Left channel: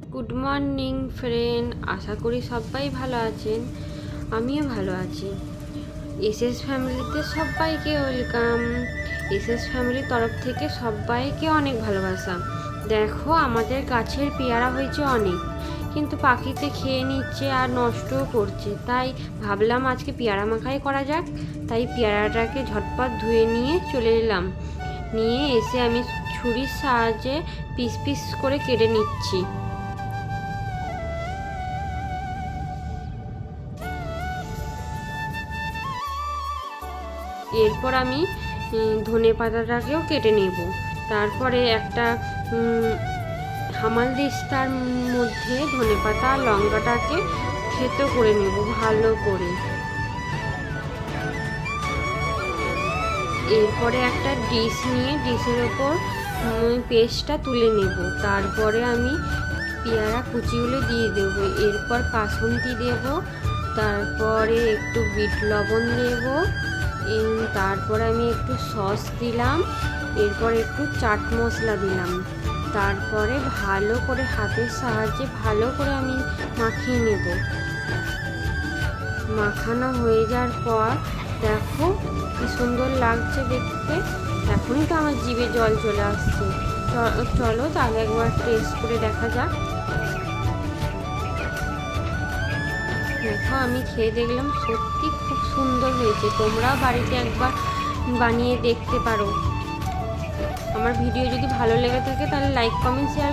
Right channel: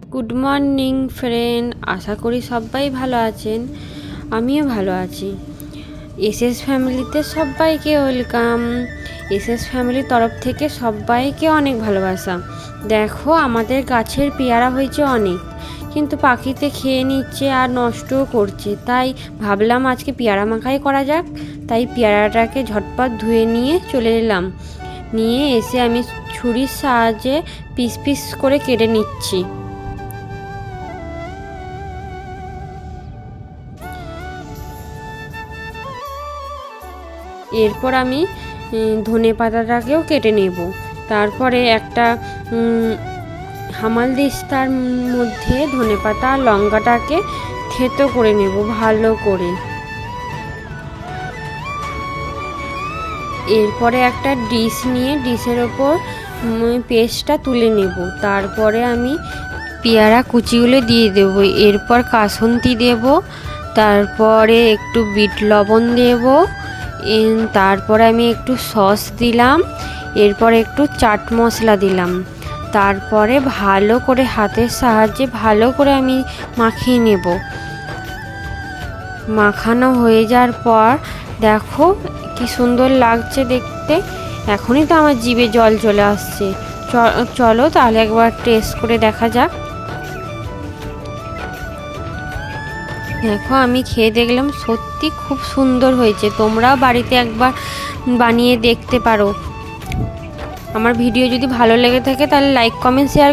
Good morning friend, আশা করি সবাই ভালো আছেন। আমিও ভালো আছি। এসএস ফ্যামিলিতে সবাইকে ওয়েলকাম। এসএস ফ্যামিলির তরফ থেকে সবাইকে অনেক ভালোবাসা। দেখো, আমাদের গাছের পেয়ারা হয়েছে অনেক, কিন্তু পাখিতে খেয়ে নিচ্ছে আর নষ্টও করছে। তাই ভাবলাম আজকে পেয়ারা মাখাই করা যাক। তাই পেয়ারাটাকে ঝটপট ধুয়ে নিয়ে চলে এলাম। নিয়ে এসে আমি ছুরির সাহায্যে পিস পিস করে কেটে নিচ্ছি। এরপর আমি ধনে পাতাটাকেও কেটে নেব। তারপরে একটা হামালদিস্তার মধ্যে ধনে পাতা আর লঙ্কাটাকে থেতো করে নেব ভালো করে। এরপরে একটা ডিশ নিয়ে ডিশের ওপর পেস্টটা তুলে নেব। তারপরে আমি পেয়ারা কুচিগুলো দিয়ে দেব। এরপর কাসুন্দি দেব, তারপরে একটু বিট লবণ দেব, তারপরে আমি একটু সস দিলাম, এরপর একটু চাট মশলা দিলাম। তারপরে ভালো করে হাতের সাহায্যে ভালো করে আমি মাখিয়ে নেব। মাখানো হয়ে যাওয়ার পর দেখো কি সুন্দর লাগছে দেখতে। এখনই তো আমার জিভে জল চলে আসছে। চলো তাহলে একবার টেস্ট করে দেখা যাক। দেখো, আমি খেয়ে দেখলাম, সত্যি খুব সুন্দর হয়েছে। তোমরাও বাড়িতে একবার বানিয়ে দেখতে পারো। আমার ভিডিও যদি ভালো লেগে থাকে তাহলে লাইক, কমেন্ট, শেয়ার